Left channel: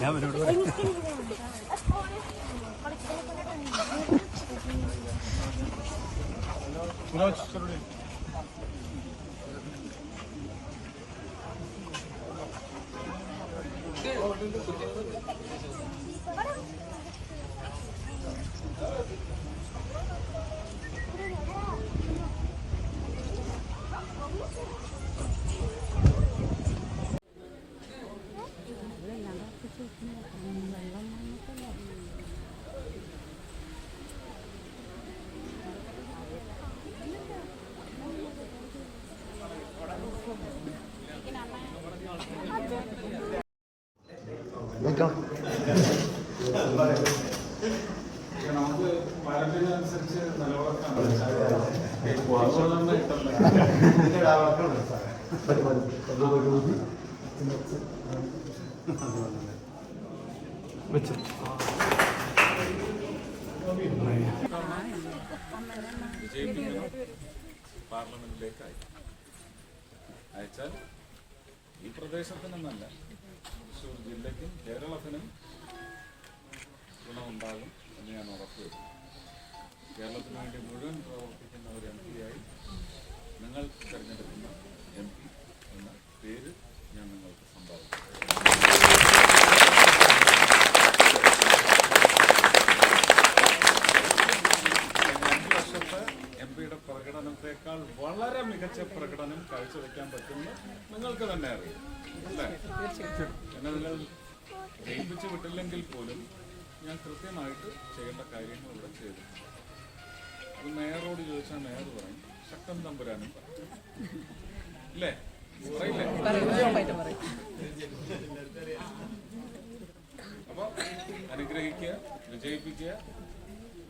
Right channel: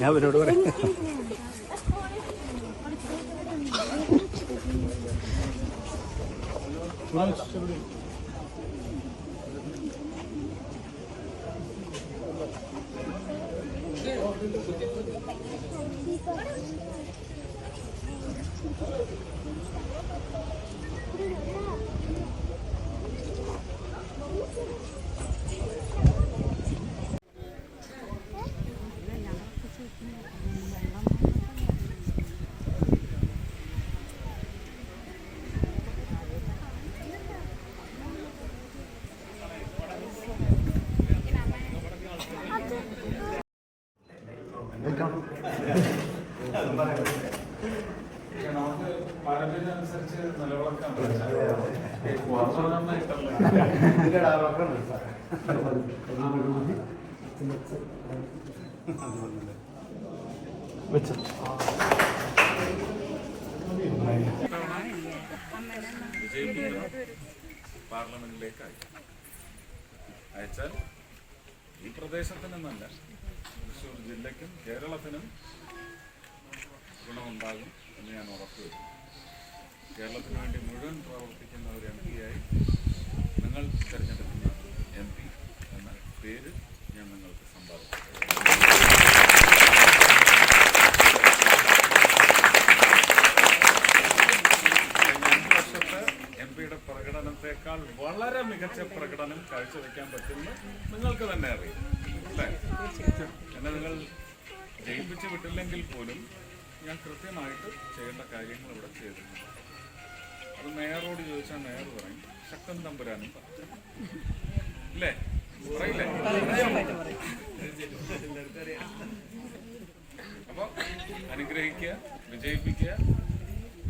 ഞാൻ അവരോട് പറയാം വെൽക്കം あら! വെച്ചു വിജയിപ്പിക്കണം പാർലമെന്റിലേക്ക് അയക്കാം അയച്ചാൽ ഈ പ്രദേശത്തിനെന്നല്ല തൃശ്ശൂർ ജില്ലയ്ക്കും കേരളത്തിനും ഗുണമുണ്ടാകും എന്ന് ഞാൻ ഉറപ്പുവരുന്നു കേരളത്തിന് വേണ്ടി മുഴുവൻ പ്രവർത്തിക്കുന്ന ഒരു എം പിയായി നിങ്ങൾ തിരഞ്ഞെടുക്കുന്ന എം പി എന്ന പേര് ഞാൻ നിങ്ങൾക്ക് സമ്പാദിക്കും പ്രകടനത്തെക്കാൾ വളരെ മികച്ച പ്രകടനം കാഴ്ചവെക്കാൻ പറ്റുമെന്ന് നിങ്ങൾക്ക് തന്നെ അറിയാം. അല്ലേ? എന്നെ നിങ്ങൾ ജയിപ്പിച്ചു വിട്ടില്ലെങ്കിൽ പോലും ഞാൻ കൃത്യമായിട്ട് ചെയ്യേണ്ട കാര്യങ്ങൾ ഇവിടെ ചെയ്തിട്ടുണ്ട്. അത് മേയറോട് ചോദിച്ചാൽ മേയർ പറയും. ശക്തൻ തമ്പുരാനും പറയും. അപ്പൊ അനുഗ്രഹിക്കുക വിജയിപ്പിക്കുക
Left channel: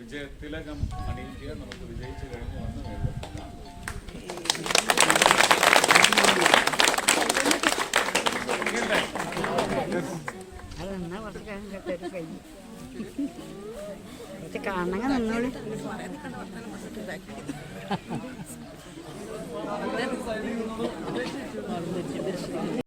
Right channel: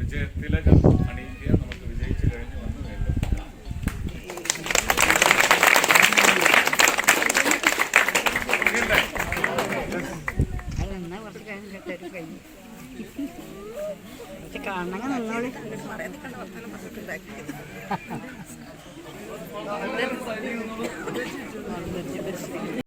വിജയത്തിലകം അണിയിക്കുക നമുക്ക് വിജയിച്ചു കഴിഞ്ഞ് വന്ന് വീണ്ടും? അതെന്നാ കുറച്ച് കഴിഞ്ഞിട്ട് കഴിഞ്ഞു. കാണണമെങ്കിൽ നിന്നോളി ഇവിടെ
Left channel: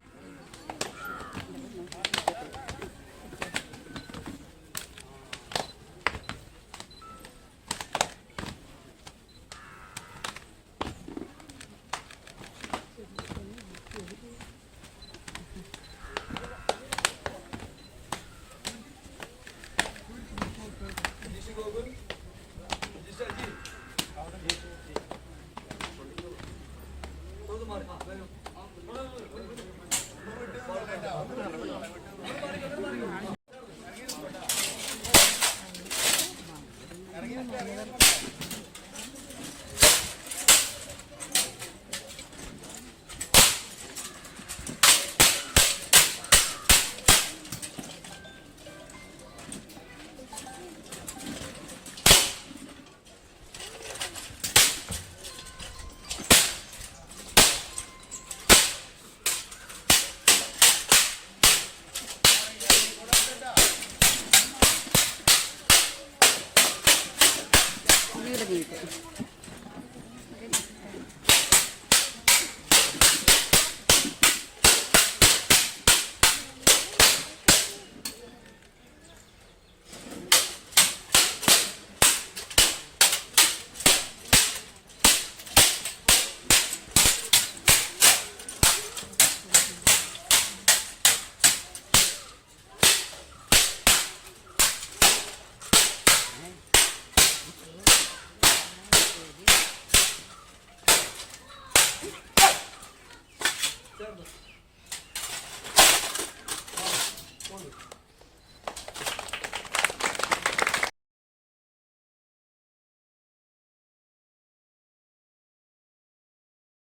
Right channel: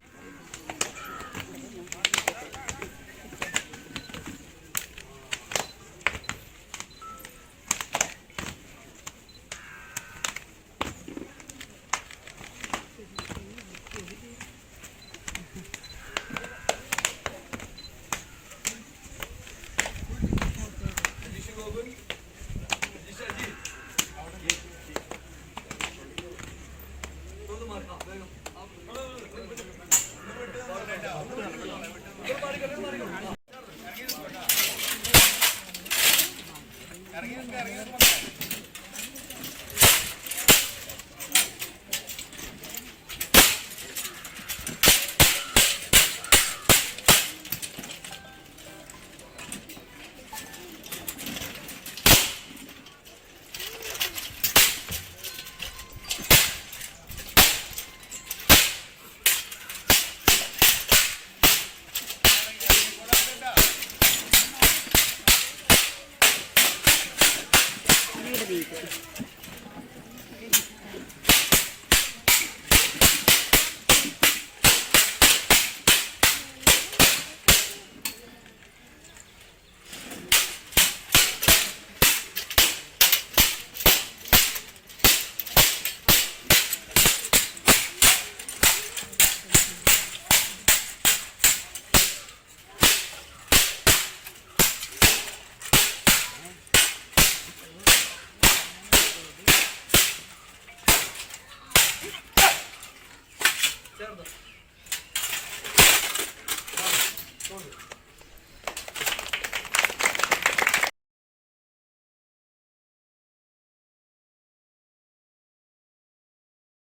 ಅದು ಬಂದಿರೋ ಅವರು ಮಾರಿ ಗೆಲ್ಲ ಮಾರಿ